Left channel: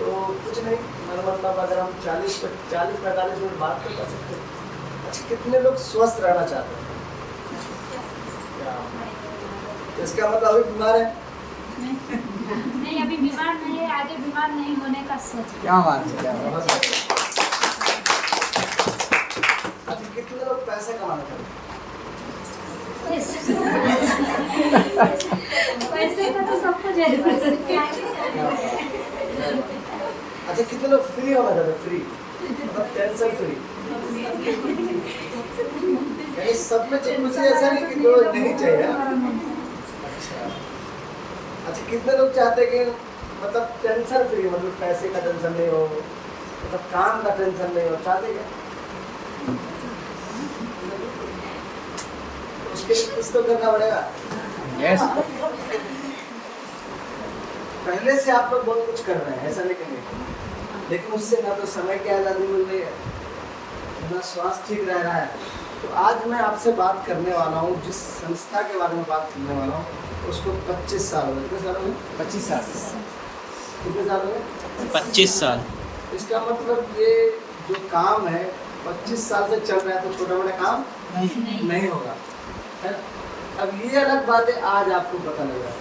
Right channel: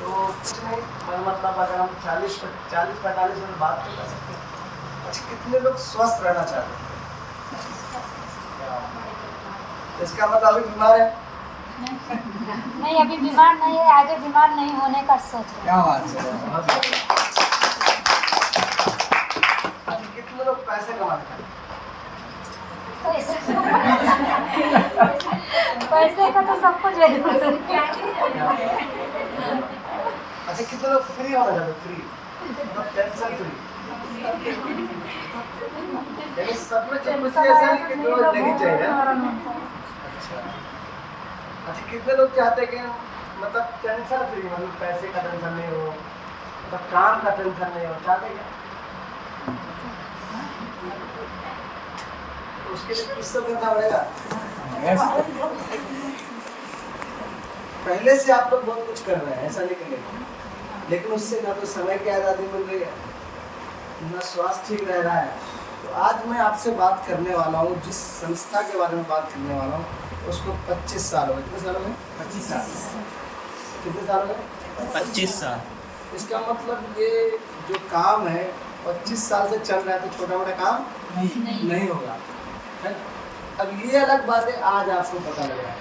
तो कुछ नहीं, मेरा मतलब अगर हम 40-45 मिनट बात तो कर सकते हैं। अच्छा, कितने लोग स्वस्थ रहना चाहते हैं? क्या इसका मतलब अभी बीमार है? नहीं, अभी बीमार नहीं है, आगे बीमार नहीं होने का सोच रहे हैं। क्या बात है, क्या बात है। अच्छा, कितने लोग पैसे कमाने चाहते हैं? पैसे का तो सबको जरूरत है। अच्छा, कितने लोग फ्री होना चाहते हैं? फ्री मतलब टेंशन फ्री, यानी सब में कुछ ऐसा नहीं कि जो नहीं चाहिए। अच्छा अच्छा, कितने लोग चाहते हैं कि मतलब टेंशन फ्री, मतलब पैसे का टेंशन नहीं हो, मतलब काम का टेंशन नहीं हो, चाहते क्या? तो उसके लिए कुछ तो करना पड़ेगा। यस, पहले से आप लोग बहुत कुछ कर रहे हैं, ऐसा नहीं कि नहीं, लेकिन उससे ना तो समय की आज़ादी मिल रही है, ना स्वास्थ्य ठीक रह रहा है। तो आज मैं आपसे बात करने वाला हूँ, जिस संस्था के बारे में बात करने वाला हूँ, उसको 25 साल हो गए। कितने साल हो गए? 25 साल। कितने साल हो गए? 25 साल। इसका मतलब ये जो काम है 25 साल से चल रहा है, तो छोटा मोटा काम नहीं होगा, है ना? अब ये अलग बात है, आज आपको पता लग रहा है,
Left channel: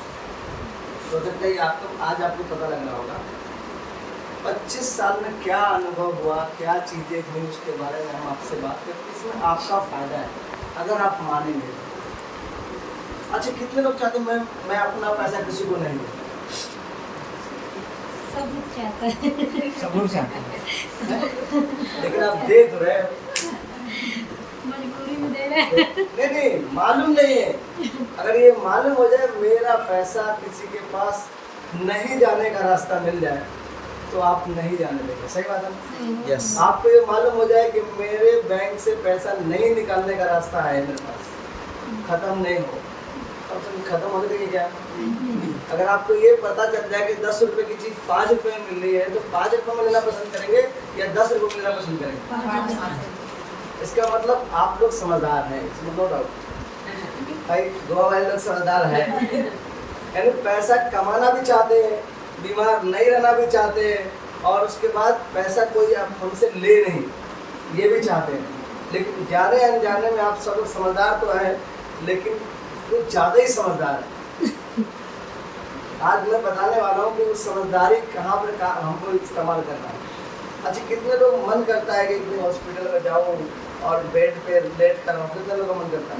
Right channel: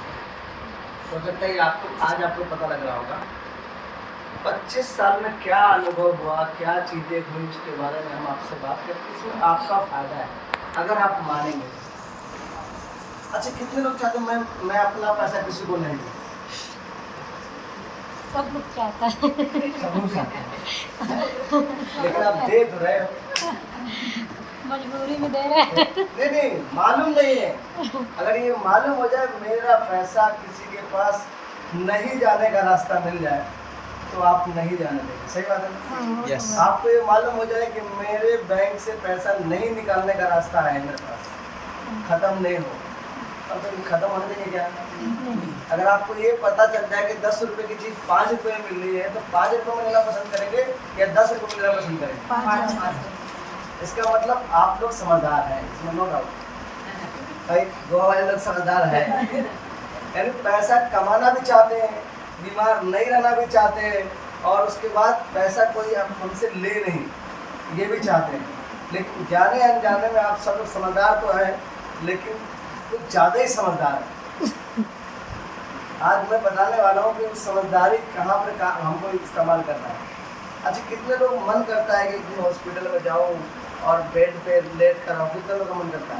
हो सकता है आपको आज पता लग रहा होगा 25 साल में क्या अनुभव हुआ, क्या चीज़ें हुई, उसके बारे में हम आपसे बात करते हैं। इसमें आपका फायदा है अगर आप मानेंगे तो। अच्छा, कितने लोग चाहते हैं मैं अपना पैसा किसी को नहीं दूँ? सब लोग चाहता है, सब लोग चाहते हैं। लेकिन आप दे तो रहे हो। मजबूरी में दे रहे हैं। नहीं, मालूम नहीं है। अगर ये मालूम हो जाए मेरा पैसा किसी के पास नहीं जाने का रास्ता मिल जाए, तो आप नहीं जाने देंगे। सही बात है ना? Yes. आपको ये मालूम हो जाए कि मेरे बैंक से पैसा नहीं निकालने का रास्ता है मेरे पास, खत्म नहीं हो, तब तो खत्म होने देंगे क्या? अगर आपको ये पता चल जाए कि 10 रुपए की चीज़ 5 रुपए में मिल रही है, तो 5 रुपए में लेना पसंद करेंगे या 10 रुपए में लेना पसंद करेंगे? इसका मतलब आप लोग समझदार हैं, इसमें नो डाउट। भाई गोवा वाले लोग समझदार हैं, यानी पैसा कमाना भी चाहते हैं, बीमार नहीं रहना भी चाहते हैं, और उसके बाद पैसा कोई आप हमसे ले नहीं, ये भी चाहते हैं। लेकिन जाने अनजाने में आप सब लोग समझदार तो हैं, लेकिन कुछ ज़्यादा ही समझदार है। आज मैं बताने वाला हूँ कि उस समझदारी कहाँ पर हमको इस्तेमाल करना है। अच्छा, कितने लोग मन करता है कि हॉस्पिटल में जाऊँ और बेड पे लेट कर आऊँ? कितने लोगों का मन करता है?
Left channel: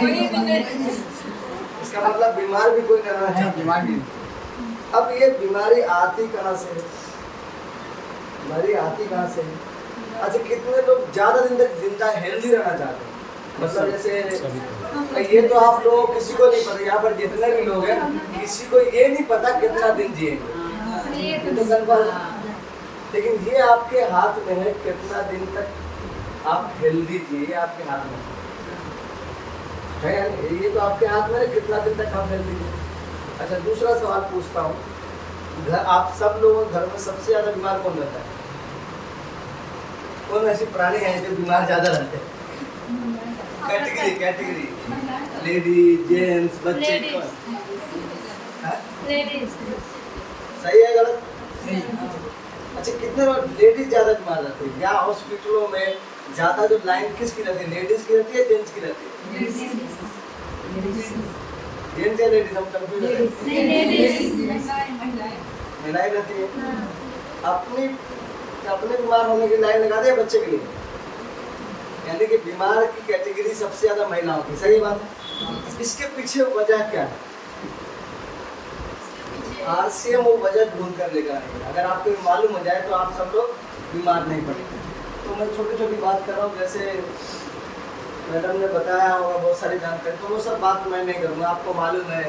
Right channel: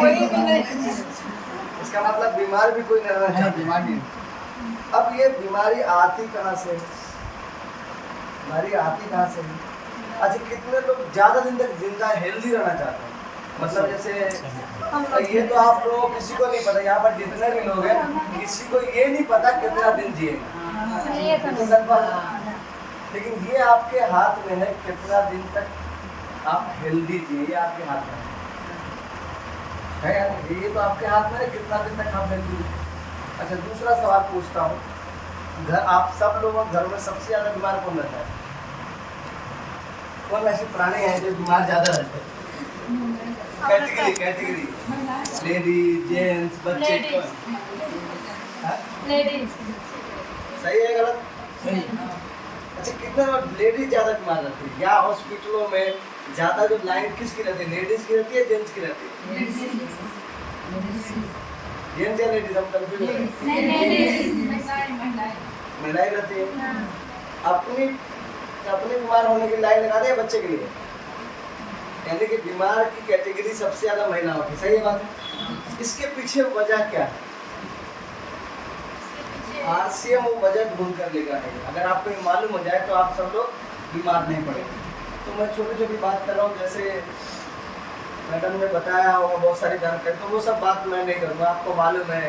कोई भी नहीं। इसका मतलब बीमार भी कोई नहीं रहना चाहता। दिमाग में अब ये बीमारी आती कहाँ से है? बीमारी आती कहाँ से है? अच्छा, कितने लोग ज़्यादा दिन तक जिंदा हेल्दी रहना चाहते हैं? मतलब जैसे ये तो आप लोगों को किसी को नहीं पता, यहाँ पर जितने भी लोग हैं किसी को ये नहीं पता कितना दिन जिएंगे, ये तो नहीं। लेकिन ये आपके हाथ में है कितना दिन तक आप हेल्दी जिए, ये आपके हाथ में है या नहीं? ये तो आपके हाथ में है कितना दिन तक आप हेल्दी जिए। अच्छा, दूसरा सवाल पूछता हूँ, घर आप सब लोगों घर में सबसे ज़्यादा बीमार कौन रहता है? कौन ऐसे प्राणी हैं जो बीमार ज़्यादा रहते हैं? कैटेगरी लेडीज, जेंट्स, बच्चे, हाँ? लेडीज। सही है गलत? अच्छा, कितने लोग लेडीज ज़्यादा बीमार रहती है, या हॉस्पिटलों में ज़्यादा जो लाइन किसकी रहती है, लेडीज की रहती है जेंट्स की रहती है? जेंट्स या लेडीज, हम कंफ्यूज हो रहे हैं। महिलाएं रहती है। अपने बीमार होने की लाइन लगा दे बच्चे के लिए, यानी कि बीमार की कैटेगरी सबसे ज्यादा महिलाओं की। सही बात है? इसके पीछे वजह क्या है? RCM वो वजह ढूंढ कर लेकर आएगा। अगर आपको ये मालूम हो जाए तो आप सब लोग बीमार नहीं पड़ेंगे। तो मैं छोटी छोटी बात कर रहा हूँ, जैसे मैडम ने बताया होगा बहुत सारी जानकारी, तो वो सब बात मैं नहीं करूँगा। आपको मालूम है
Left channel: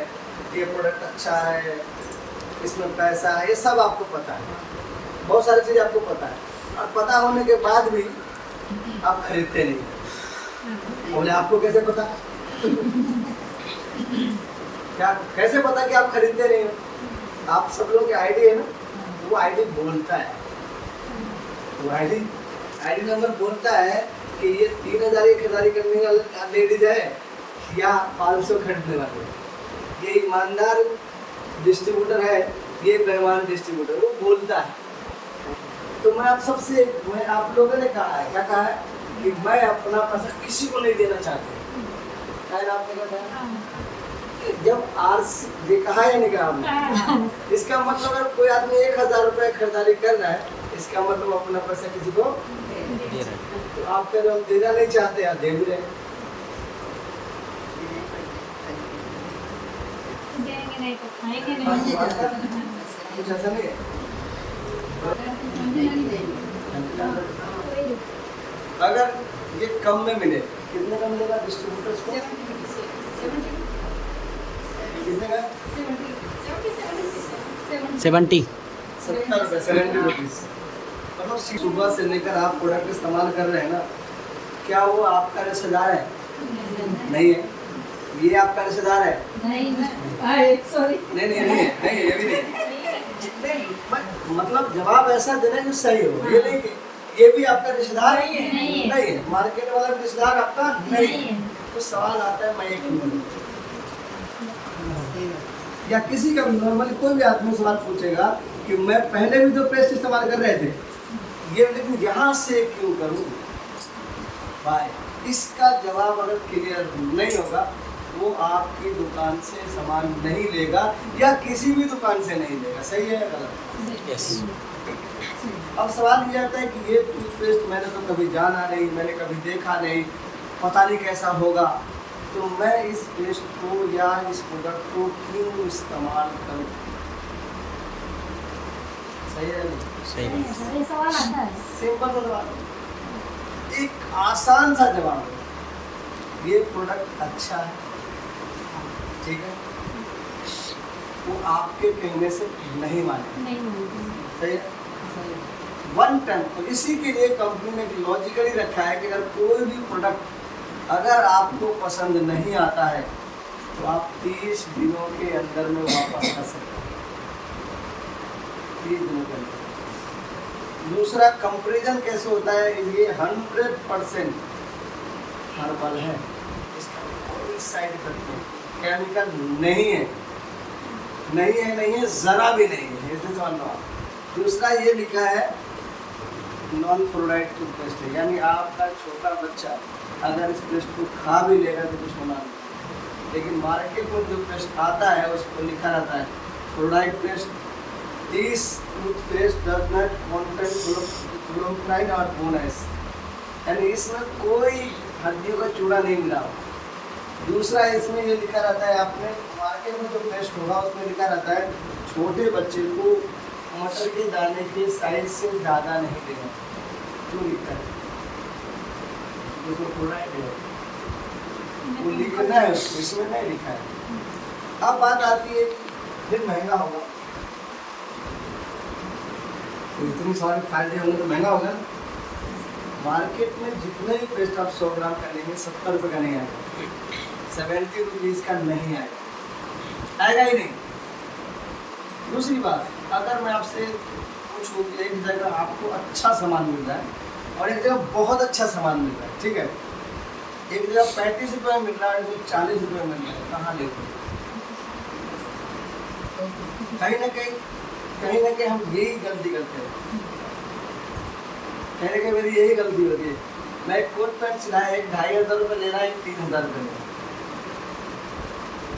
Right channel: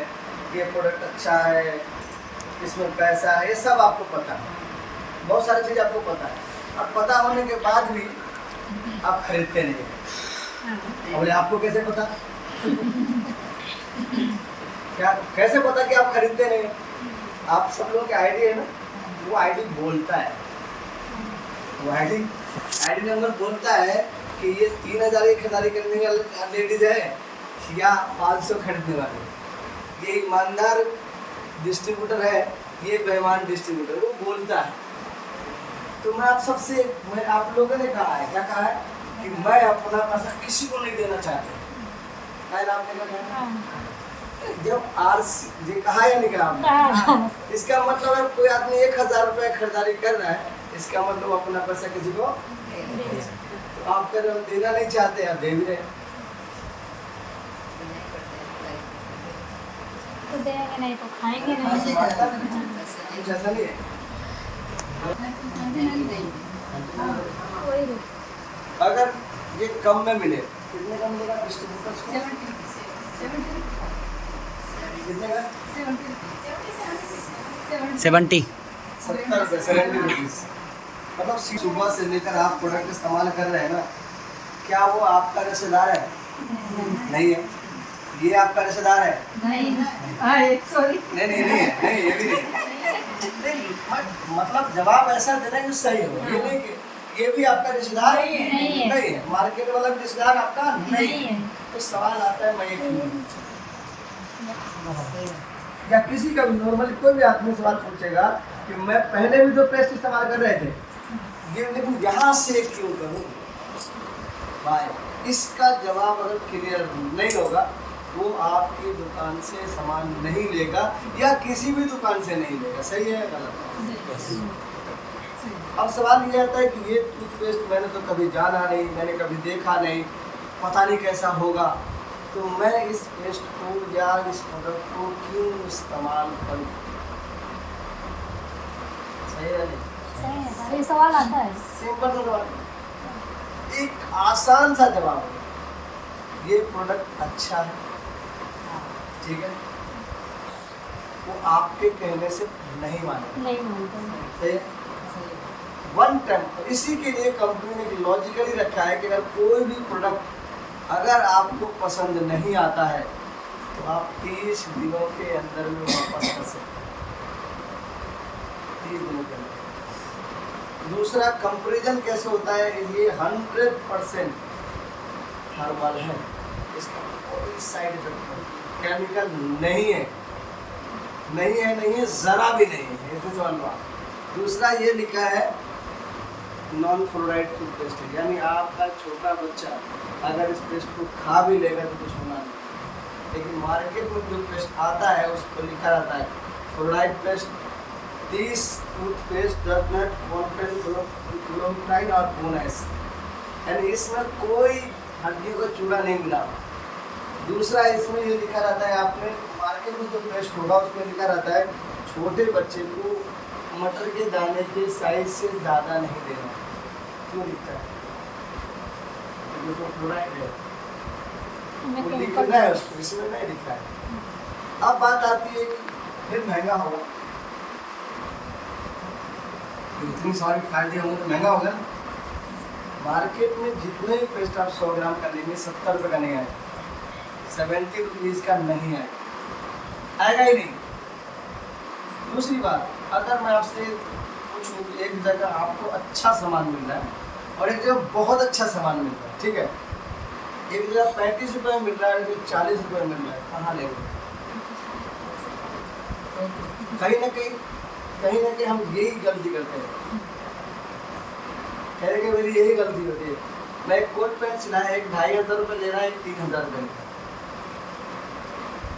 कि ये प्रोडक्ट अच्छा है, इसमें पैसा है, ये सब आपको पता है, बहुत सारी चीज़ आपको पता है, और पता होने के बाद भी आप खरीदते नहीं। बोले आपको कैसे पता? क्या कैसे पता कि आप खरीदते नहीं हो? आप सब लोगों की आईडी है ना, वो आईडी बोलता है, वो आईडी नंबर बोलता है कि ये 3000 की खरीदारी करने वाला लेडीज है या 500 खरीदने वाले। ये ईमानदार डिस्ट्रीब्यूटर है ये बेईमान डिस्ट्रीब्यूटर वो बोलता है। तो मैं आप लोगों ने कहा है, क्या कहा है कि मैं अपना पैसा किसी को नहीं देना चाहती। है ना, आपने क्या कहा? जब आरसी ये कहा या नहीं कहा आपने? इसका मतलब अगर कोई आदमी 1000 रुपये खरीदारी कर रहा है, इसका मतलब अपना पैसा किसी को, तो आप कह रहे हम देना नहीं चाहते, आप दे भी रहे हैं। तो देंगे नहीं तो खाएंगे नहीं। कुछ ऐसा नहीं है। अगर ये कम में मिले, कितने का मिलेगा डिस्ट्रीब्यूटर्स को? कितने का? 70 70 रुपीज। मतलब सुबह से लेकर आप प्रोडक्ट इस्तेमाल कर रहे हैं ना, क्या वो आपका रिश्तेदार है? नहीं है। ये आपका रिश्तेदार है? नहीं, सॉरी। नहीं, ये भी नहीं। मतलब जवाब ऐसा देना जो सही हो। ये नहीं कि ये भी आपका रिश्तेदार नहीं है। मार्केट वाला रिश्तेदार आपका नहीं है। तो सवाल आता है मैं ये क्यों नहीं? या किसी का नॉर्मली कोई भी आदमी सवाल पूछेगा कि मैं पहले भी तो पेस्ट इस्तेमाल कर रहे थे, ये लेकिन यहाँ से क्यों करूँ भाई? इसका जवाब अगर क्लियर नहीं होगा, वो आपकी दुकान से सामान नहीं लेगा या किसी भी दुकान से नहीं लेगा। सही है गलत? यस। अब सवाल ये आता है कि ये टूथपेस्ट मैंने तो कभी जाना नहीं, मैंने कभी देखा नहीं, पता नहीं कैसा होगा, तो मैं इस पेस्ट को या इस प्रोडक्ट को क्यों इस्तेमाल करूं? सही है? ये सवाल आता है। सिंपल सा सवाल है, एक आसान सा जवाब है, ये प्रोडक्ट अच्छा है, ठीक है, वो आपके कहने से नहीं मानेगा। सही है? One time. तो इसी के लिए कंपनी ने लॉजिकली रखा है कि अगर कोई भी प्रोडक्ट अगर आपको पसंद नहीं आता है तो आप 30 दिनों के अंदर में वापस कर सकते हैं। 30 दिनों के अंदर। दूसरा, कंपैरिजन कैसे होता है? ये 100% हर्बल है, इसका कोई साइड इफेक्ट नहीं, केमिकल नहीं है, जरा भी नहीं है, ऐसे समझ लो आप। दूसरा, ये लिखा है नॉन फ्लोराइड टूथपेस्ट है, यानी आपका छोटा बच्चा अगर इस पेस्ट को खा भी लेगा तो कुछ होना नहीं। लेकिन मार्केट में जो पेस्ट आता है उस पर लिखा रहता है fluoride paste, this toothpaste does not contain fluoride और बोनस, यानी इसमें कोई हड्डियों का चूड़ा नहीं मिला। दूसरा, इसमें ये लिखा रहता है, आपने मार्केट में जो पेस्ट होगा उसमें लिखा रहता है छोटे बच्चे को मटर के दाने के साइज से ज़्यादा नहीं देना। क्यों लिखता है? फ्लोराइड है, वो लिखा है, इसमें नहीं लिखा है। अब बात आती है फिर महंगा होगा, इतनी सारी फायदे होंगे तो महंगा होगा ना। मार्केट में जितने भी पेस्ट आप 100 ग्राम का लेंगे 70 रुपये का नहीं आएगा, 70 रुपीज़ का नहीं आएगा ही नहीं। दूसरी बात, अगर मैं आपसे पूछूं कि एक जगह आपको अच्छा सामान मिल रहा है और एक जगह बहुत अच्छा सामान मिल रहा है, ठीक है, एक जगह 35 रुपये में मिल रहा है, एक जगह 40 रुपये में मिल रहा है, कहाँ लेंगे? कहीं ना कहीं हम यही गलती करते हैं, कहीं मेरी यही गलती होती है। मैं एक कोट पैंट सिलाया, एक 2500 रुपये ले रहा है, एक 3000 रुपये ले रहा है।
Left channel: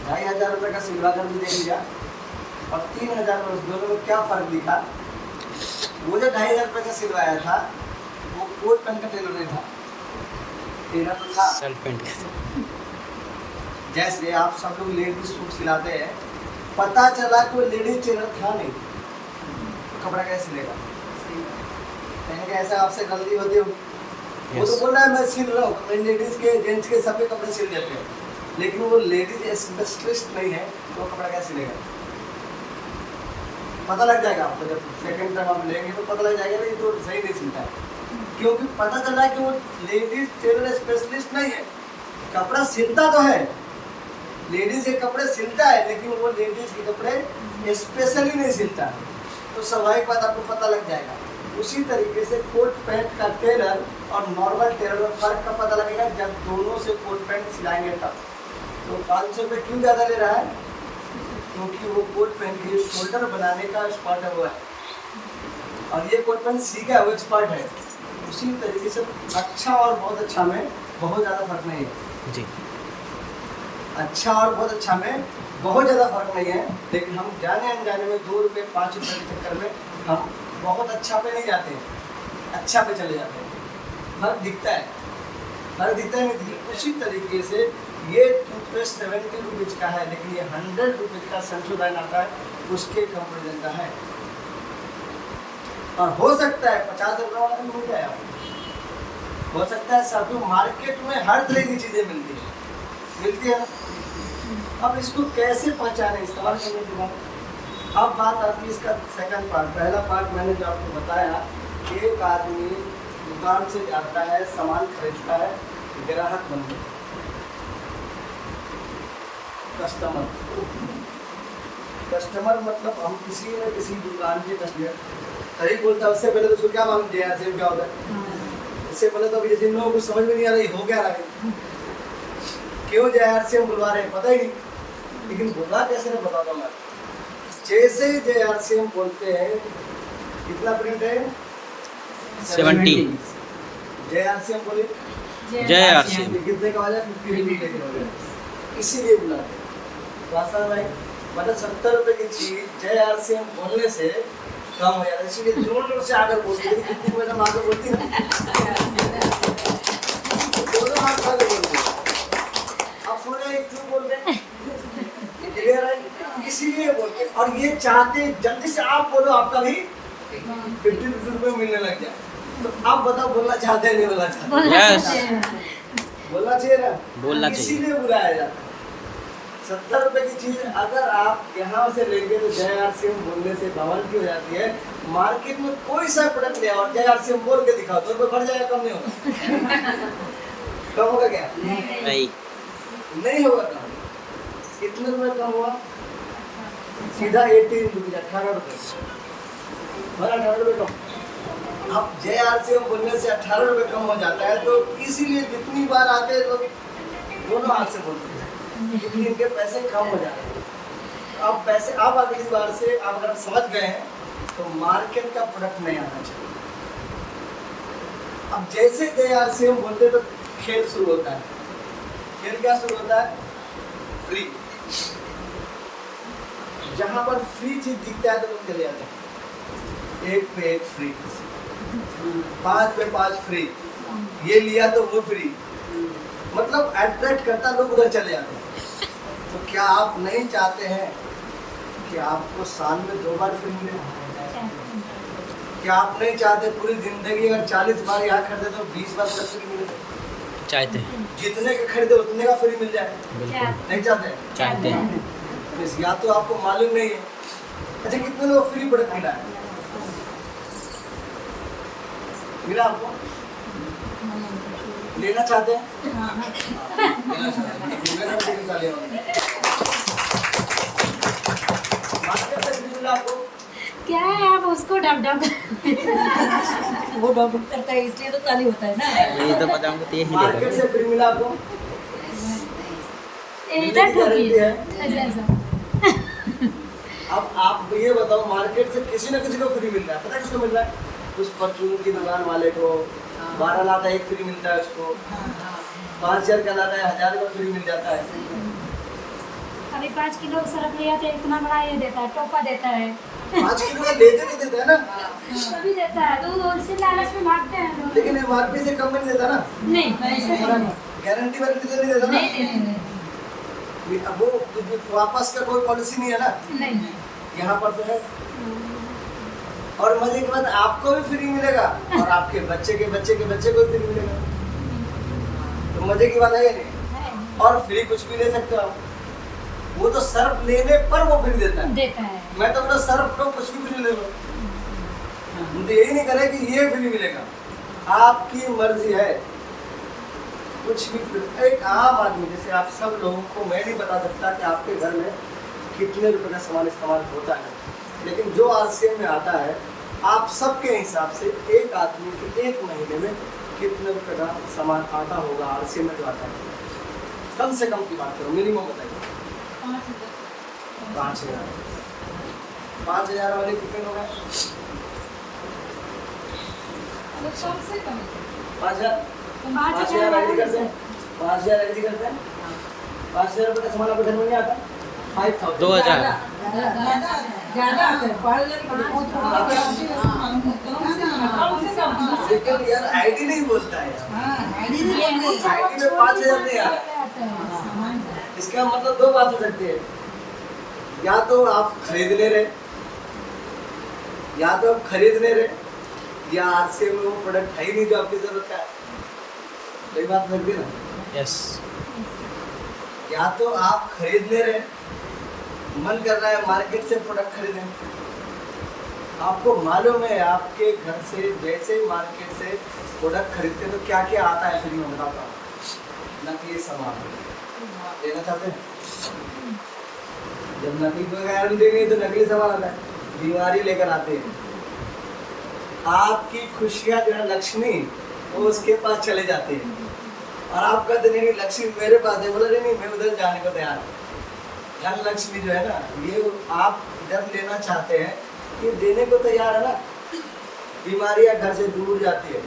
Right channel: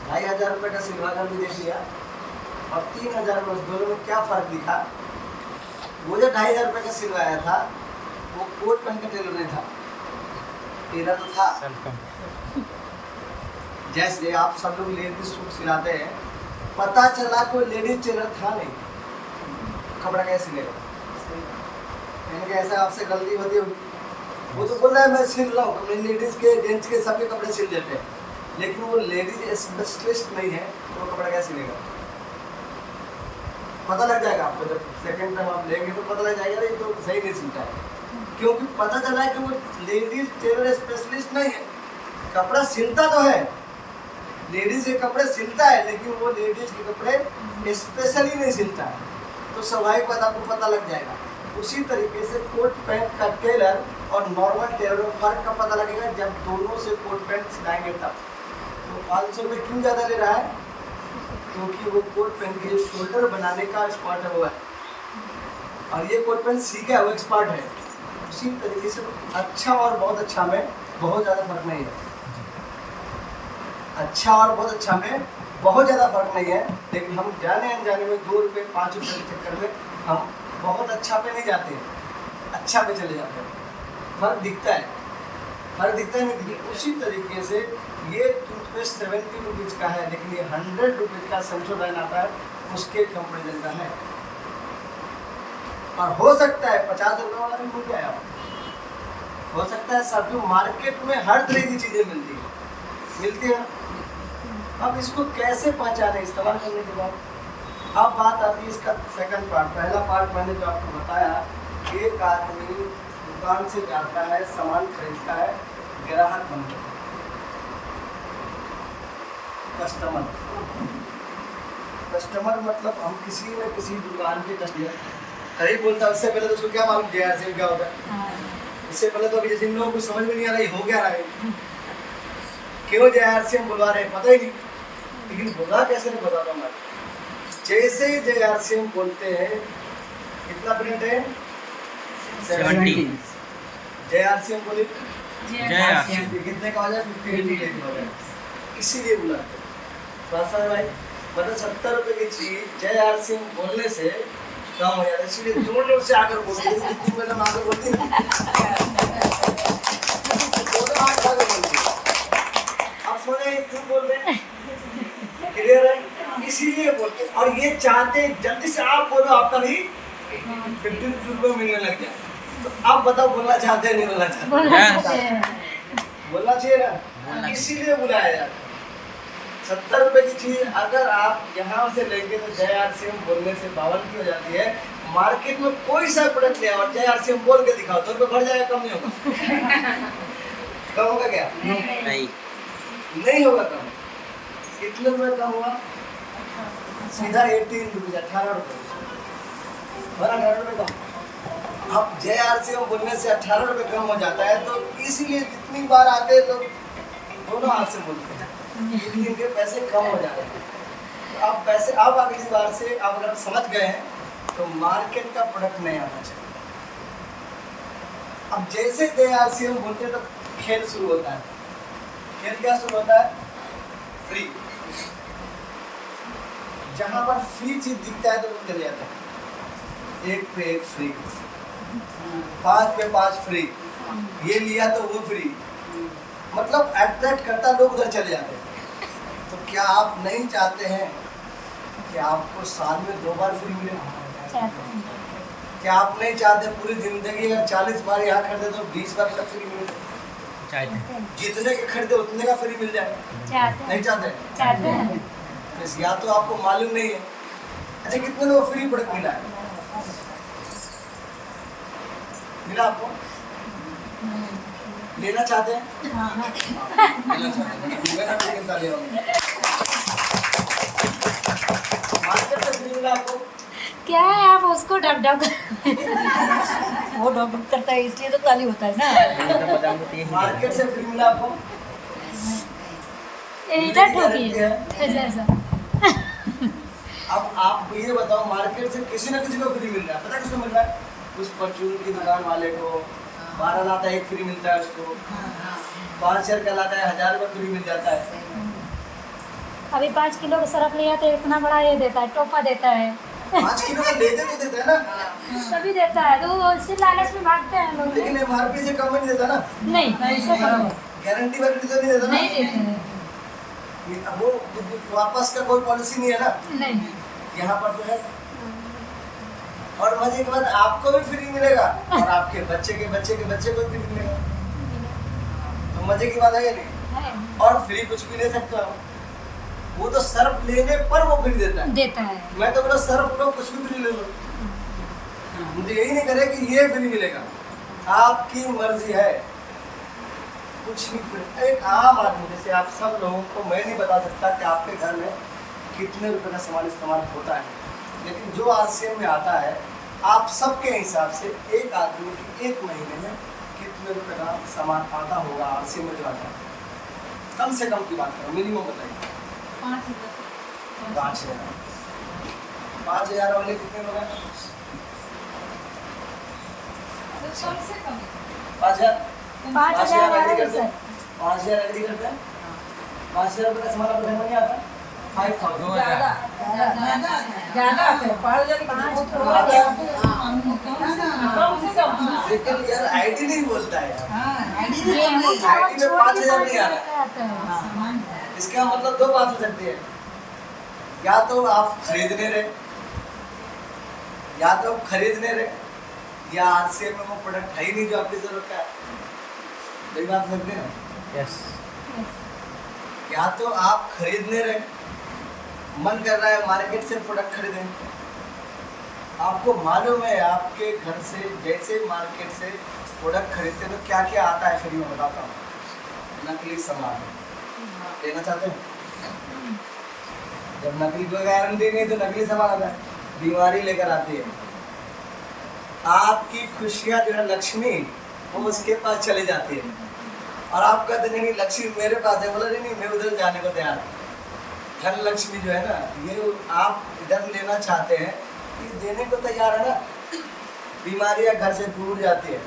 2500 रुपये का सिलवा कर भी देख लिया और 3000 में, उस दोनों में क्या फ़र्क दिखा? वो जो 2500 रुपये का सिलवाया था वो कोट पैंट का टेलर नहीं था, टेलर तो था सेल्फ पेंट। जैसे आप सब लोग लेडीज सूट सिलाते हैं, पता चला कोई लेडीज टेलर था नहीं, कपड़ा कैसे सिलेगा? यानी कि ऐसा आपसे गलती होती होगी। वो तो बोल रहा है मैं सिल रहा हूँ, मैं लेडीज के जेंट्स के सबके कपड़े सिल देते हैं, लेकिन वो लेडीज स्पेशलिस्ट नहीं है, तो वो कपड़ा कैसे सिलेगा? पता लग जाएगा आपको, जब सेकंड टाइम आप लेंगे तो पता लग जाएगा, नहीं तो सही नहीं सिलता है, क्योंकि पता चला है कि वो लेडीज टेलर स्पेशलिस्ट नहीं है। कपड़ा सिलता तो है, लेडीज के कपड़े सिलता है, लेकिन वो लेडीज के कपड़े स्पेशली नहीं सिलता है। तो स्वाभाविक बात आपको पता लग जाएगा। उसी तरीके से कोट पैंट का टेलर और नॉर्मल टेलर में फ़र्क का पता लगेगा जब दोनों से कोट पैंट सिलाएंगे तब। तो 500 रुपये क्यों ज़्यादा ले रहा है? क्योंकि वो कोट पैंट के जो शोल्डर बनाने का एक्सपर्ट है वो है, और ये कोट पैंट सीखा है वो एक्सपर्ट है। उसी तरीके से अच्छा और बहुत अच्छा में बहुत ज़्यादा फर्क नहीं है जी। अच्छा और बहुत अच्छा में बहुत ज़्यादा फर्क नहीं है, लेकिन हम जाने अनजाने में 2 रुपये 5 रुपये के चक्कर में हम बहुत अच्छा पे नहीं जाते हैं, अच्छा पे चले जाते हैं। फर्क दिखता है, फर्क दिखता है नहीं। उसी तरीके से ये टूथपेस्ट 70 रुपीज़ का है, लेकिन ये 100 रुपीज़ का संशोधन आता है उसके कंपेरिजन का है। और हो सकता है 50 रुपये वाला भी हो गया है, हो सकता है सब मार्केट में हर तरह की चीज़ें मिलती है। अब इसको कैसे पहचाने इस्तेमाल करने के बाद? अब बात आती है इसका सेकंड पार्ट। पहला पार्ट मैंने जो आपको बताया, एक आदमी दुकान से जाता है, सामान खरीदता है, ग्राहक बनता है, कस्टमर। कस्टमर मतलब हम किसी न किसी दुकान के कस्टमर सही बोलता है। उससे पहले तो उसको क्या मालूम JRCM क्या होता है? उससे पहले तो अभी जैसे इन लोगों को समझ में नहीं आ रहा है हो क्या रहा है, क्यों JRCM बुलवा रहे हैं पता ही नहीं, लेकिन बुला कैसे नहीं बताता मैं। जैसे ही JRCM बोलते हैं, कितना प्रिंट है? 70। JRCM बोले JRCM कितने का हो जाए? 50 रुपये का हो जाए, इसीलिए बुलाते हैं। बात समझ में आई? मतलब 70 रुपये की चीज JRCM बोलने से कम हो जाता है, इसीलिए जोर जोर से आकर बोलती है। जितनी मैडम आकर बोलती है ना, दोनों हाथ आकर बोलती है। आप सुने क्यों बोल रहे हैं? क्लियर है? इसीलिए बोलते हैं। और ये चाहते हैं जल्दी से आप बोलो, आपका भी 50 रुपये मिलने लग जाए। तो आप बताओ बोलना चाहते हैं नहीं बोलना चाहते? बोलना चाहिए ना, इसीलिए बुलाया जाता है। 70 रुपये की चीज अगर आप यहाँ से लेंगे तो JRCM बोलने से 52 की हो जाती है। मार्केट में कोई सा प्रोडक्ट ले और JRCM बोल के दिखाओ तो बढ़ जाएगा, कम नहीं होगा? कम होगा क्या? नहीं होगा कम। कितने रुपये कम हुआ? सीधा 18 रुपये, 18 रुपये, 18 रुपये कम। अब JRCM बोलने से 18 रुपये कम हो जाता है, तो इसीलिए जितनी बार आते हैं लोग दोनों हाथ से बोलते हैं, क्योंकि इनके पैसे कम हो जाते हैं। तो अब पैसे आप अगली बार से आप अगर समझ गए हैं तो मार्केट का प्रोडक्ट नहीं आना चाहिए। अब जैसे JRCM बोलते तो खेल शुरू होता है। खेल क्या शुरू होता है? फ्री। जहां पर फ्री चीज दिखता है तो लोग चले जाते हैं। 1 पे 1 फ्री, 5 पे 5 फ्री, ये लिया तो वो फ्री, मतलब अट्रैक्ट करता, लोग उधर चले जाते हैं। तो क्या आप नहीं चाहते हैं कि आपको साल में 2 बार फ्री मिले? क्या आप नहीं चाहते पूरी जिंदगी अगर 40 बार यहाँ खरीदे तो 20 बार तक फ्री मिले? चाहते हैं। जितने के खरीदे उतने का फ्री मिल जाए? नहीं चाहते? चाहते हैं। बस या तो आपको मालूम नहीं है। अच्छा, कितने लोग फ्री प्रोडक्ट मिला है? मिला आपको? लेना चाहते हैं? लेना चाहते हैं, मैं भी लेकर ले आऊंगा। मार्केट से फ्री मिला आपको? क्या है, आप उसको डब डब वो डॉग करता है इसलिए तो ताली होता है ना। ये तो पता हमको तो यही मार्केट से फ्री मिला आपको? इधर ठोकी है। ऐसा। अब आप ये बताओ, मार्केट से किसी न किसी को फ्री मिल रहा है, पता किसको मिल रहा है? उस परचून की दुकान वाले को 12 लाता है 1 फ्री मिलता है उसको, 5,000 का लाता है 1,000 का फ्री मिल जाता है। अभी 5 किलो का सरफ लिया तो इतना बड़ा ये देता है, टोपा देता है। 5 किलो का लेते तो देता है ना, तभी देता है, तो वो उससे लालच में भागते हैं लोग। लेकिन MRP से कम में नहीं देता ना, नहीं, ऐसे नहीं गारंटी वारंटी तो नहीं देता ना। देते हैं। अब वो वापस का कोई पॉलिसी नहीं है ना, नहीं। यहाँ पर तो है। और मजे के बाद आपको भी फ्री मिलेगा और आपके बच्चे के बच्चे के बच्चे को भी फ्री मिलेगा, तो मजे की बात है नहीं? है। और फ्री कुछ भी ले सकते हो, वो तो सर्फ लेने पर वो फ्री देता है। मैं तो बोला सर्फ लो, कुछ भी फ्री ले लो, मुझे यही नहीं करे कि ये फ्री मिलेगा। आपकी मर्जी है, कुछ भी फ्री। एक आम आदमी जैसे आप सब लोगों को मैं नहीं बता सकता कि आपके घर में कितने रुपए का सामान इस्तेमाल होता है, लेकिन जो RCM में आता है आप सबके हिसाब से एक आदमी के 1 महीने में कितने रुपए का सामान आता होगा RCM में जो आता है? कम से कम की बात करो, मिनिमम बताइए। 5,000। 5,000 वाले कितने होगा? 5,000। 5,000 वाला है सर। 5,000 एग्री करते हैं। 5,000 रुपये का सामान आपको घर में नहीं आता? 5,000। 2,000। ज्यादा आते हैं 5,000 की बहुत थोड़ा आता है? कम से कम लेकिन यार आईडी नहीं बोलता है यार। हाँ आईडी ये वो चावल आईडी में छोटी 5,000 नहीं आ रहा। क्वांटिटी आता है। इसका मतलब दो बात हो सकती है, या तो आप खरीदने रहे, या तो आप खरीदने रहे, या आज से में वो प्रोडक्ट है ही नहीं जो आपकी जरूरत का है। सही बात हो सकती है ना? यस। या तो आप खरीदने रहे, मन कर रहा है मार्केट से प्रोडक्ट खरीदें, आपको मालूम है आपके घर से जैसे ही मार्केट से प्रोडक्ट खरीदते हैं तो क्या क्या आता है, फिर मैं बताता हूँ। नकली सामान लेना चाहते हैं? जब नकली कोई गारंटी नहीं है तो नकली सामान आता है, बीमारी लेकर आते हैं। आपकी खुशियाँ जो है लक्ष्मी वो उसके पास चले जाते हैं और आप कहते नहीं लक्ष्मी मेरे पास है, बोला नहीं मैं उधर जाने को तैयार। धन लक्ष्मी जो है ना ये आप इधर लेना चाहते हैं, ये देने को तैयार है ना। बीमारियां घर से दूर जाती है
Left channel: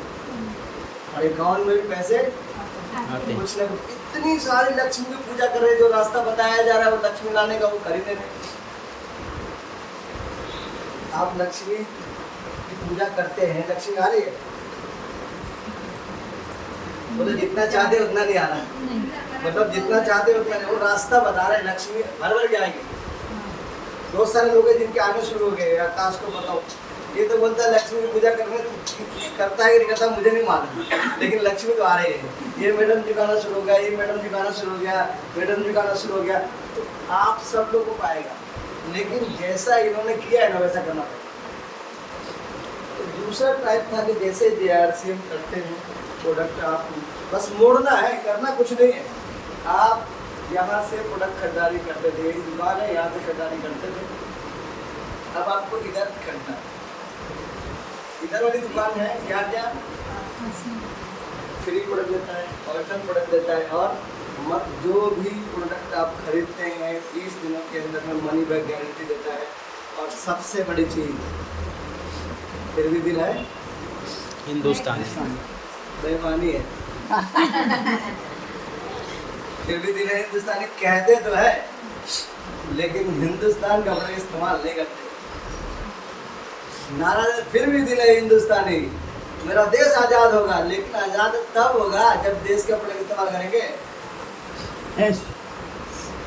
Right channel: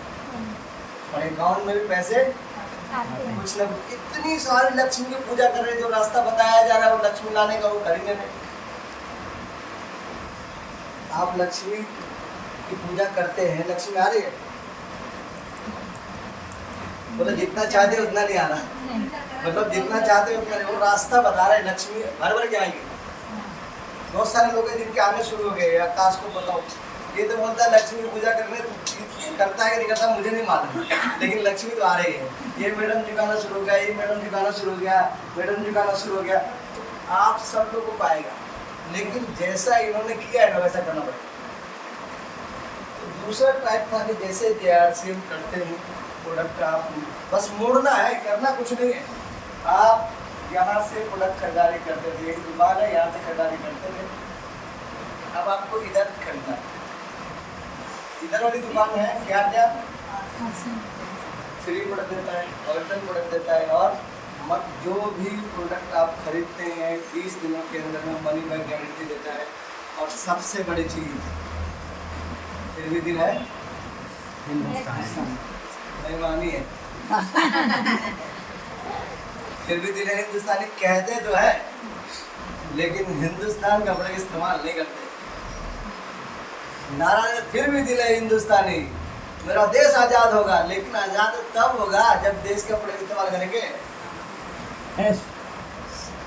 और अकाउंट में भी पैसे आते हैं। कुछ ना कुछ। इतनी सारी लक्ष्मी की पूजा कर रहे हैं, जो रास्ता बताया जा रहा है वो लक्ष्मी लाने का वो खरीदने में। आप लक्ष्मी की पूजा करते हैं, लक्ष्मी आ रही है? बोले जितना चाहते उतना नहीं आ रहा, नहीं। मतलब जितना चाहते उतना नहीं। वो रास्ता बता रहे हैं, लक्ष्मी हर भर के आएंगे। बहुत सारे लोग हैं जिनके आने शुरू हो गए, आकाश को बताओ, ये तो बोलता है लक्ष्मी की पूजा करने करता है कि नहीं करता मुझे नहीं मालूम, लेकिन लक्ष्मी तो आ रही है। ये मैडम झुकाना शुरू हो गया, ये मैडम झुकाना शुरू हो गया, मैडम झुकाना शुरू हो गया, तो आप सब लोग को पाएगा। लेकिन जैसा इन्होंने किया है ना वैसा करना पड़ेगा। तो दूसरा टाइप था कि जैसे JRC हम करते हैं प्रोडक्ट, आप बस मोड़ना है, करना कुछ नहीं है। आप यहाँ से प्रोडक्ट खरीदारी करते थे, एक दुकान है यहाँ से खरीदारी करते थे, अब आपको इधर खरीदना है। इधर वाली दुकान है क्या क्या फ्री प्रोडक्ट देता है, ऑर्डर प्रोडक्ट देता है, और जो भी प्रोडक्ट आप खरीदते हैं 30 दिनों के अंदर में मनी बैक गारंटी देता है। और सबसे बड़ी चीज़ फिर भी दिन है हिंदुस्तान। बेईमानी है। फिर भी दिन है हिंदुस्तानी कहते तो है, लेकिन हिंदुस्तान का प्रोडक्ट इस्तेमाल नहीं करते। नाराज है, फिर भी दिल है हिंदुस्तानी, मेरा देश आज़ाद होगा, लेकिन आज़ाद तब होगा जब देश का प्रोडक्ट इस्तेमाल करेंगे।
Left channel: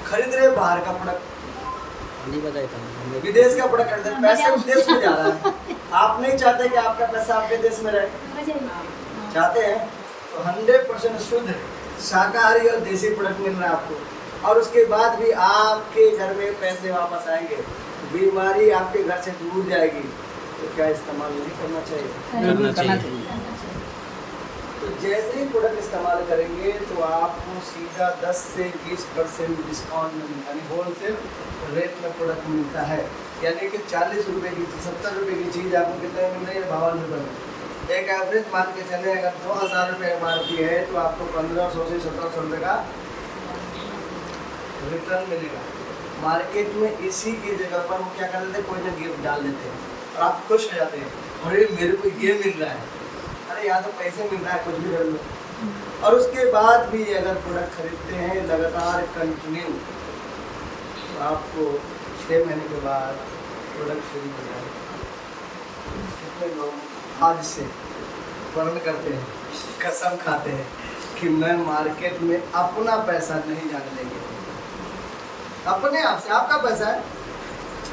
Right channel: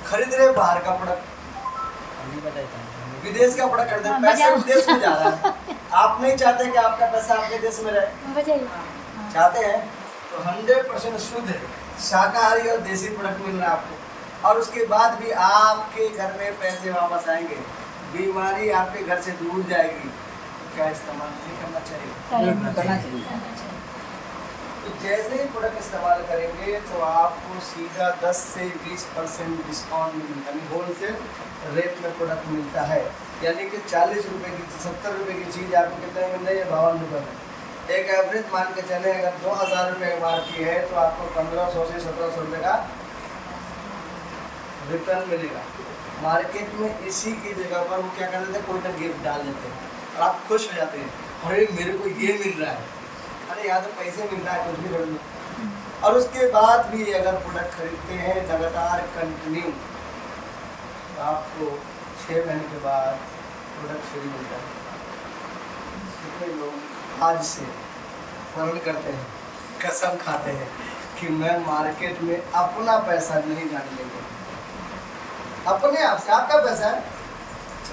खरीद रहे बाहर का प्रोडक्ट, नहीं बताता हूँ। विदेश का प्रोडक्ट खरीद रहे, पैसा उस देश में जा रहा है। आप नहीं चाहते कि आपका पैसा आपके देश में रहे? बताइए। चाहते हैं तो 100% शुद्ध शाकाहारी और देसी प्रोडक्ट मिल रहा है आपको, और उसके बाद भी आपके घर में पैसे वापस आएंगे, बीमारी आपके घर से दूर जाएगी। तो क्या इस्तेमाल नहीं करना चाहिए? बिल्कुल करना चाहिए। तो जैसे ही प्रोडक्ट इस्तेमाल करेंगे तो आपको सीधा 10 से 20% डिस्काउंट में मिलता है, होलसेल रेट में प्रोडक्ट मिलता है। यानी कि 40 रुपये की 70 रुपये की चीज़ आपको कितने मिल रही है? 52 रुपये में। एक एवरेज मान के चले, अगर 2,000 रुपये MRP है तो आपको 1,500 से 1,700 रुपये का रिटर्न मिलेगा। मार्केट में इसी की जगह पर वो क्या कर देते हैं, कोई ना गिफ्ट डाल देते हैं और आप खुश हो जाते हैं, अरे मेरे को ये मिल रहा है, अरे यहाँ तो पैसे मिल रहा है, कुछ भी कर लो। और उसके बाद भी अगर प्रोडक्ट खरीदते हैं लगातार कंटिन्यू, तो आपको 6 महीने के बाद प्रोडक्ट फ्री मिल जाएगा। कितने लोग आज से वर्ण करते हैं, कसम खाते हैं कि मैं मार्केट में अपना पैसा नहीं जाने देंगे। अपने आप से, आपका पैसा है,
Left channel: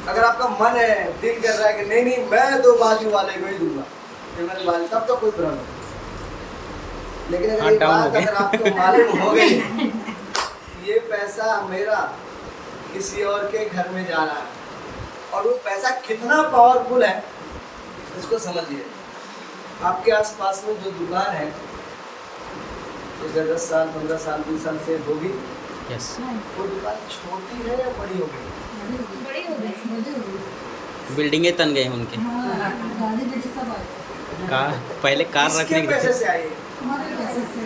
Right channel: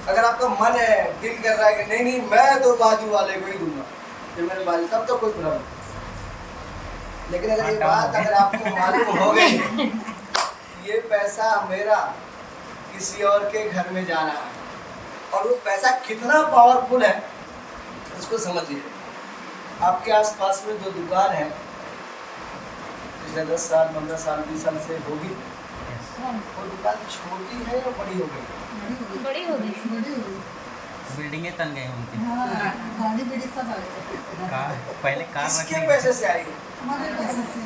अगर आपका मन है, दिल कर रहा है कि नहीं नहीं मैं तो बाजू वाले को ही दूंगा, ये मेरे बाजू, तब तो कोई प्रॉब्लम नहीं। लेकिन अगर ये बात अगर आपको मालूम हो गई ये पैसा मेरा किसी और के घर में जा रहा है, और वो पैसा कितना पावरफुल है उसको समझिए। आपके आसपास में जो दुकान है पिछले 10 साल 15 साल 20 साल से होगी, यस। वो दुकान छोटी है या बड़ी हो गई? बड़ी हो गई। बिल्डिंगे तन गए उनके। गाड़ी बेटी सब आ गए कार, पहले कार किसके रखने पैसे के से आई? हमारे पैसे से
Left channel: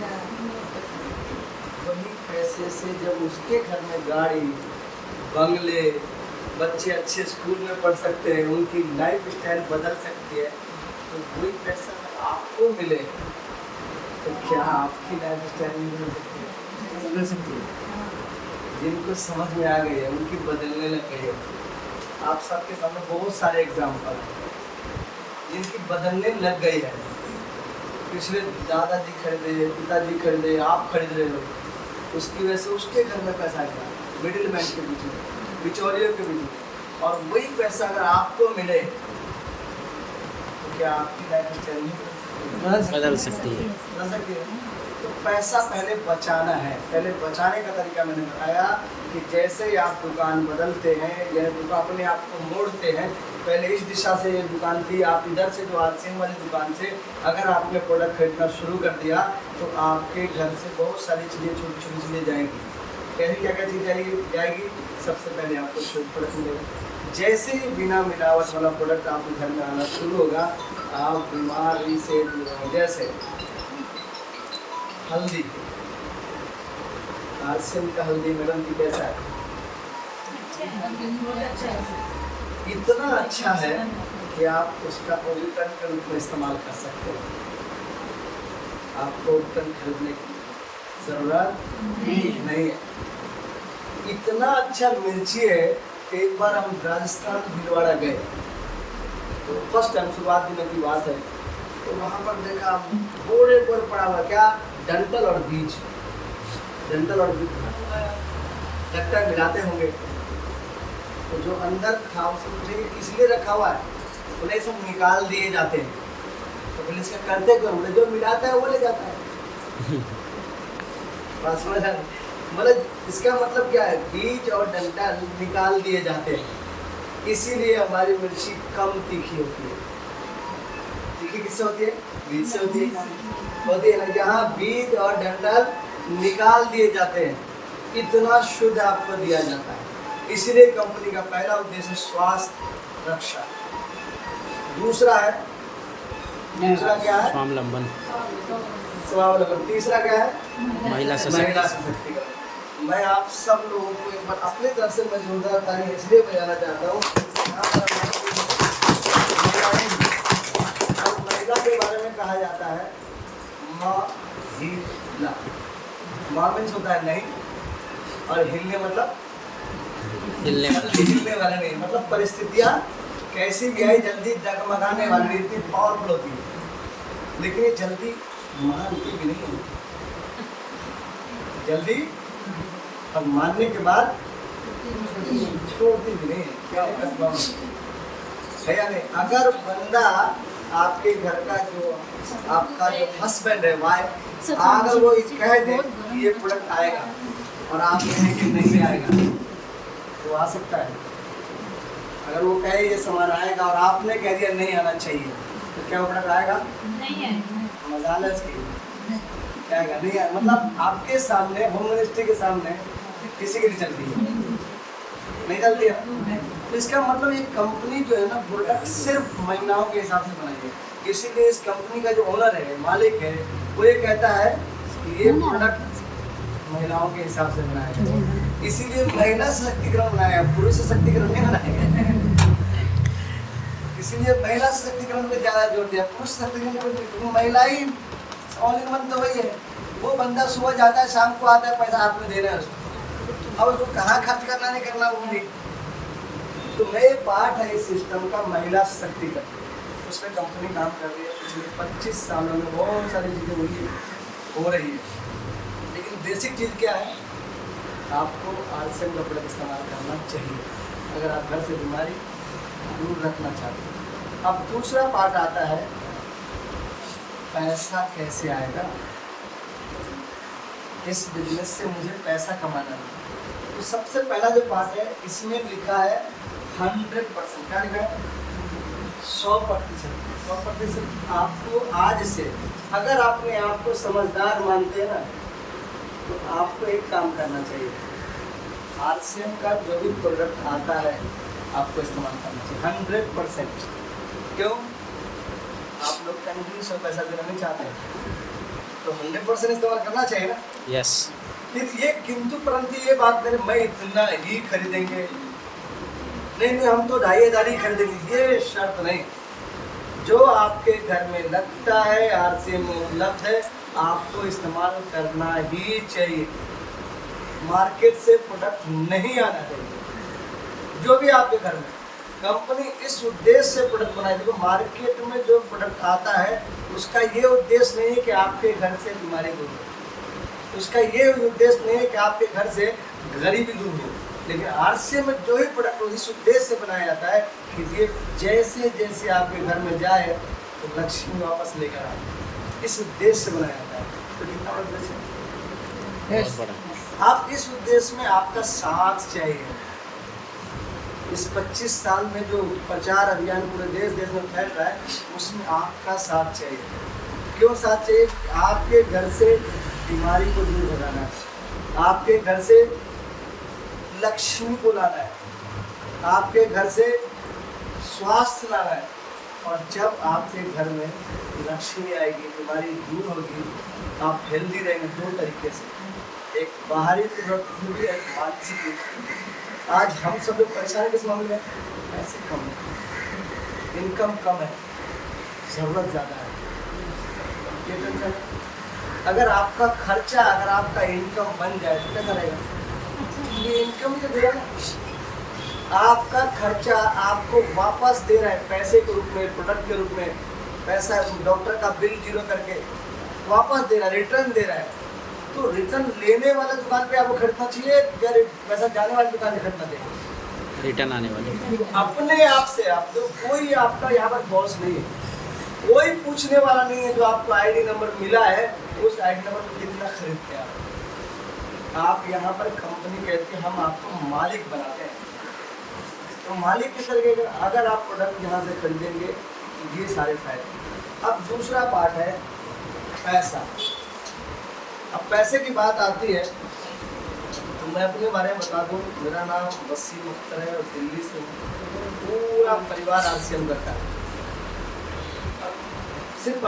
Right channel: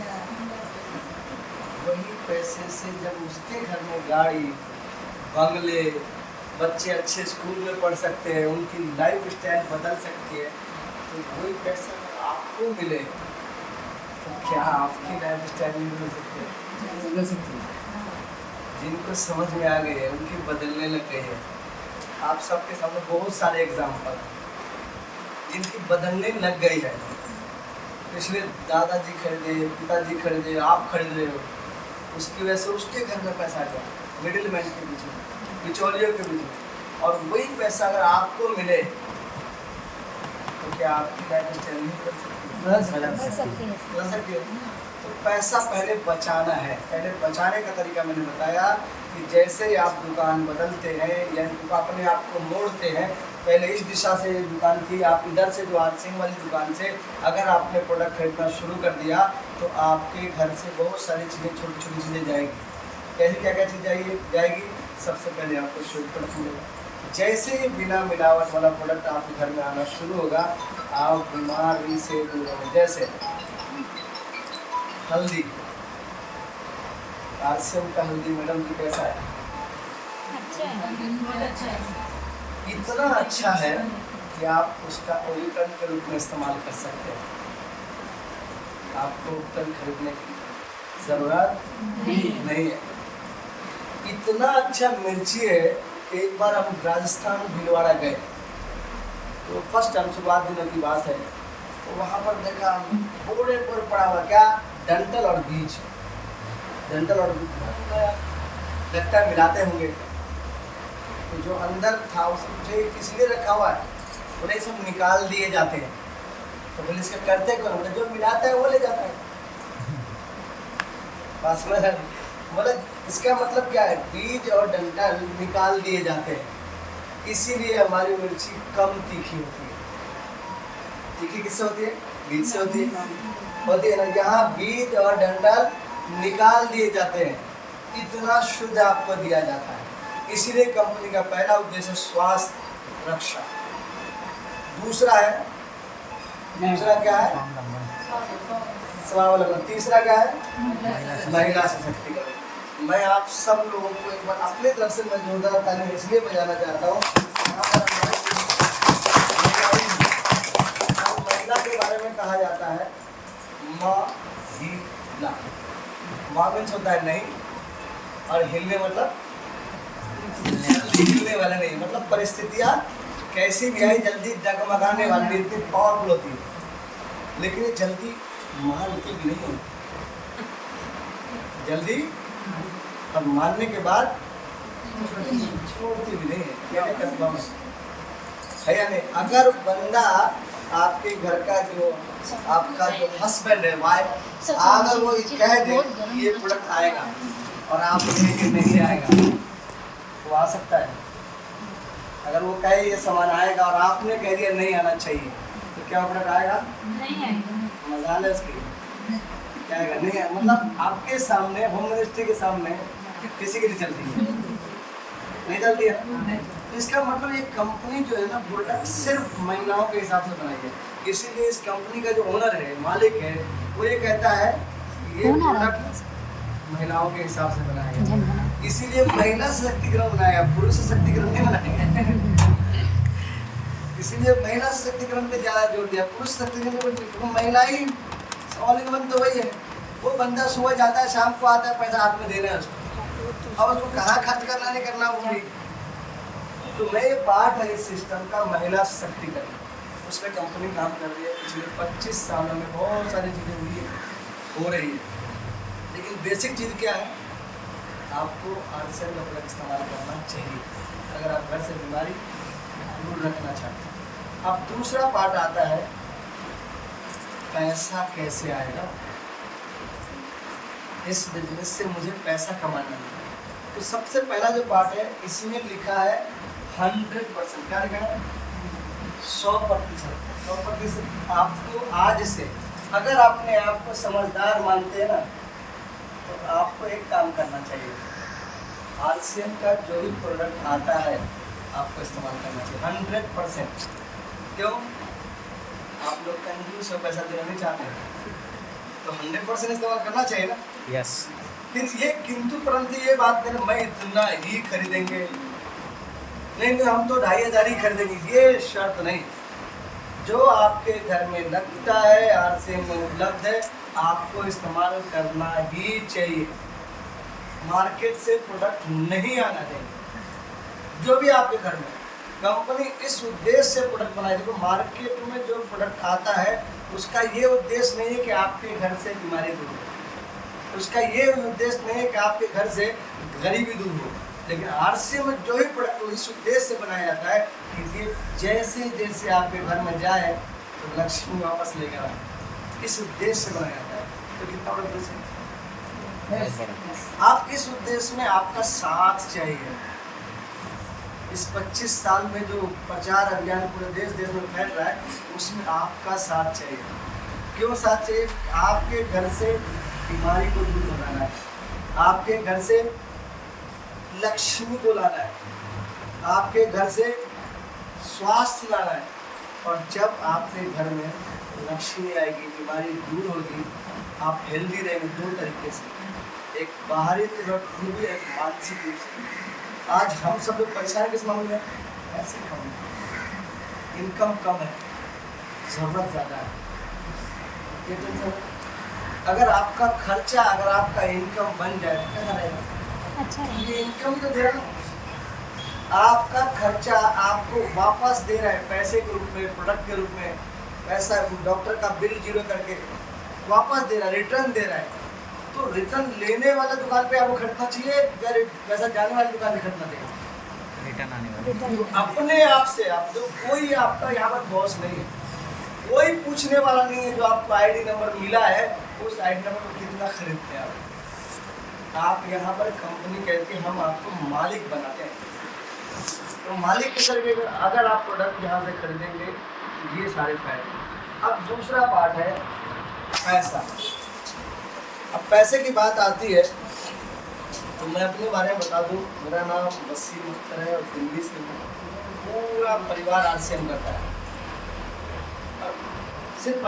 वही पैसे से जब उसके घर में गाड़ी, बंगले, बच्चे अच्छे स्कूल में पढ़ सकते हैं, उनकी लाइफ स्टाइल बदल सकती है। तो वही पैसा अगर आपको मिले तो क्या आपकी लाइफ स्टाइल नहीं बदल सकती है? बदल सकती है। जिनको समझ में आ गई है उनकी बदलने लग गई है। आप सबके सामने बहुत सारे एग्जाम्पल हैं जिनकी बदलने लग गई है। पिछले दादाजी खरीदे, पिताजी खरीदे, आप खरीद रहे हो, उसकी वजह से उसके घर में पैसा गया मिडिल मैन के बीच में, बिचौलियों के बीच में। और वही पैसा अगर आपको मिले तो क्या आपकी लाइफ स्टाइल नहीं बदल सकती? बदल सकती है। बदल सकती है। तो पैसा पहले बचाना है। पहले बचाने का तरीका मैंने बताया कि जैसे ही आप दुकान बदलते हैं, यानी दुकान अपने आप को मोड़ते हैं, पहले इस दिशा से ये दुकान थी, आप इधर से जो आरसीएम वाली दुकान से अगर आपने प्रोडक्ट खरीदना शुरू कर दिया तो आपके घर से बहुत सारी चीज़ें, छोटी छोटी चीज़ें जाएंगी। कैसे क्या क्या चीज़ जाएगी? सबसे पहले आपको शुद्ध प्रोडक्ट मिलेगा। जैसे ही बिना मिलावट वाला प्रोडक्ट आपके घर में आना शुरू होगा, आप बीमारी से दूर होंगे। जैसे हल्दी, आरसीएम का हल्दी मैडम जी कैसा है? बहुत अच्छा है। इतना अच्छा है कि आप उसका उपकरण के रूप में इस्तेमाल कर सकते हो। आपको उपकरण खरीदने की ज़रूरत नहीं है। इतना अच्छा मिर्ची है कि एक बार हम राजस्थान भीलवाड़ा गए तो फर्स्ट टाइम, शुरुआत दिनों की बात है, तो वहाँ पर देखा बोरे पर पड़ा हुआ क्या, डंठल और बीज। डंठल और बीज लगता है मिलाते होंगे। तो जो अंदर था उसे मुझे किस लिए रखा हुआ है? बोले सब निकाल दिए जाते हैं। तो बोले इसका करते करो? बोले जो मिलाता है वो ले जाता है। बस बोले इसका मतलब क्या है? बीज और डंठल निकाल दिए जाते हैं, इसीलिए हमारी मिर्ची कम तीखी होती है। तीखी किससे होती है? बीज से होती है ना। यहाँ बीज और डंठल निकाल दिए जाते हैं, इतना शुद्ध आपको दिया जाता है। इसीलिए कंपनी का पहला उद्देश्य है स्वास्थ्य रक्षा। दूसरा क्या है? स्वावलंबन। तीसरा क्या है? महिला सशक्तिकरण। मैं आप सब लोगों को एक बार अपने तरफ से मैं जोरदार ताली इसलिए बजाना चाहता हूँ, महिला के बारे में कहा जाता है महिला। माँ मीन्स होता है नहीं, और हिलने मतलब हिलने वाला नहीं, मतलब परिस्थितियाँ कैसी भी आई जल्दी डगमगाने वाली, इतनी पावरफुल होती है। लेकिन ये जल्दी मानती भी नहीं है, जल्दी और मानने के बाद छोड़ती भी नहीं है। क्या है या नहीं? अगर बंदा आपके घर का जो आपका जो हस्बैंड है, वाइफ, अगर वो कह दे ये प्रोडक्ट आएगा और आप उसे नहीं आएगा तो आ सकता है। अगर वो कहे ये सामान आएगा और आपने कह दिया नहीं आना चाहिए तो क्या प्रोडक्ट आएगा? नहीं आएगा। मजाल है इसकी, क्या आएगा? नहीं आएगा। मतलब आपके सामने, होम मिनिस्ट्री के सामने किसी की नहीं चलती है, नहीं चलती है। तो इसका मतलब ये कंपनी जो है ना, प्रोडक्ट सिर्फ महिलाओं के हिसाब से बनाई है। इसीलिए इस कंपनी का जो ओनर है, मालिक है, वो ये कहता है कि ये प्रोडक्ट महिलाओं के हिसाब से बनाया है। इसीलिए महिला सशक्तिकरण बनाया, पुरुष सशक्तिकरण नहीं बनाया। इसीलिए महिला सशक्तिकरण पे ज़्यादा जोर दिया, पुरुष सशक्तिकरण पे। महिला ही ऑल इन वन तो वही है। वो बंदा सुबह जाता है, शाम को आता है, पैसा हाथ में देना है उसको, अब उसको कहाँ खर्च करना नहीं करना वो भी। तो मैं पार्ट है इस सिस्टम का, महिला सशक्तिकरण। उसमें कंपनी काम कर रही है। पिछले 25 सालों में बहुत सारी चीज़ें हुई हो रही है, लेकिन बेसिक चीज़ क्या है? आपको आरसीएम का प्रोडक्ट इस्तेमाल करना चाहिए अगर आप घर से बीमारी दूर रखना चाहते हैं। अब दूसरा पार्ट आता है पैसा कैसे आएगा, इस बिजनेस से मुझे पैसा कमाना है। तो सबसे पहला जो पार्ट है, इसमें लिखा है 100%। क्या लिखा है? 100%। आपको आज से, अगर अपने आप को समझदार मानते हैं ना, तो आपको एक काम करना चाहिए। आरसीएम का जो भी प्रोडक्ट आता है आपको इस्तेमाल करना चाहिए 100%। क्यों? आप लोग कंजूस और पैसा देना नहीं चाहते हैं, तो 100% इस्तेमाल करना चाहिए ना। यस। फिर ये किंतु परंतु ये बात करें, मैं इतना ही खरीदेंगे, नहीं हम तो 2,500 ही खरीदेंगे, ये शर्त नहीं। जो आपके घर में लगता है, आरसीएम में उपलब्ध है, आपको इस्तेमाल करना ही चाहिए। मार्केट से प्रोडक्ट नहीं आना चाहिए। जो भी आपके घर में कंपनी इस उद्देश्य से प्रोडक्ट बनाए, देखो मार्केट में जो प्रोडक्ट आता है उसका ये उद्देश्य नहीं है कि आपके घर से बीमारी दूर हो, उसका ये उद्देश्य नहीं है कि आपके घर से गरीबी दूर हो। लेकिन आरसीएम में जो ही प्रोडक्ट इस उद्देश्य से बनाया जाता है कि ये जैसे जैसे आपके घर में जाए तो लक्ष्मी वापस लेकर आए, इस उद्देश्य से बनाया जाता है। तो कितना बड़ा उद्देश्य है? आप इस उद्देश्य में आपका साथ चाहिए। इस 25 साल में जो प्रचार अभियान पूरे देश में फैल रहा है, उसमें आपका साथ चाहिए। क्यों साथ चाहिए? आपके घर से बीमारी को दूर भगाना है, आपके घर से लक्ष्मी को लाना है, आपके घर से स्वास्थ्य लाना है। और जब आपके घर में लक्ष्मी आएगी, बीमारी दूर होगी, आप हेल्दी रहेंगे दो तरीके से, एक बाहरी रूप से, एक मानसिक रूप से। आज हम सब लोग परेशान किस मामले में? पैसे कम है, इनकम कम है, ज़रूरत ज़्यादा है। ये टेंशन। अगर आपका खर्चा, अगर आपका इनकम बन जाए तो कैसा रहेगा? अच्छा ये इनकम तो दे रहा है, आपका खर्चा आपको वापस दे रहा है पैसे के रूप में, प्रोडक्ट के रूप में। पैसा डॉक्टर का बिल जीरो करके वापस दे रहा है, रिटर्न दे रहा है। तो रिटर्न लेने वाले दुकान पे आपको खरीदना चाहिए या पैसा जाने वाली दुकान पे खरीदना चाहिए? रिटर्न आने वाली। अपने आप से आप जो, कोई आपका यहाँ पर बॉस नहीं है, कोई पूछने वाला नहीं है। जो आपको आईडी नंबर मिला है उस आईडी नंबर पर कितना खरीदते हैं आप यहाँ पर कंपनी कहती है हम आपको मालिक बनाते हैं। तो मालिक किस तरीके का? अगर आप प्रोडक्ट यहाँ से खरीदेंगे तो ये सारे फायदे। अब दूसरा पार्ट है पैसा। अब पैसे की बात आती है तो मैं अपने बारे में बता दूं, मेरा नाम वसीम अख्तर है और दिल्ली से पूरा परिवार आरसीएम करता है।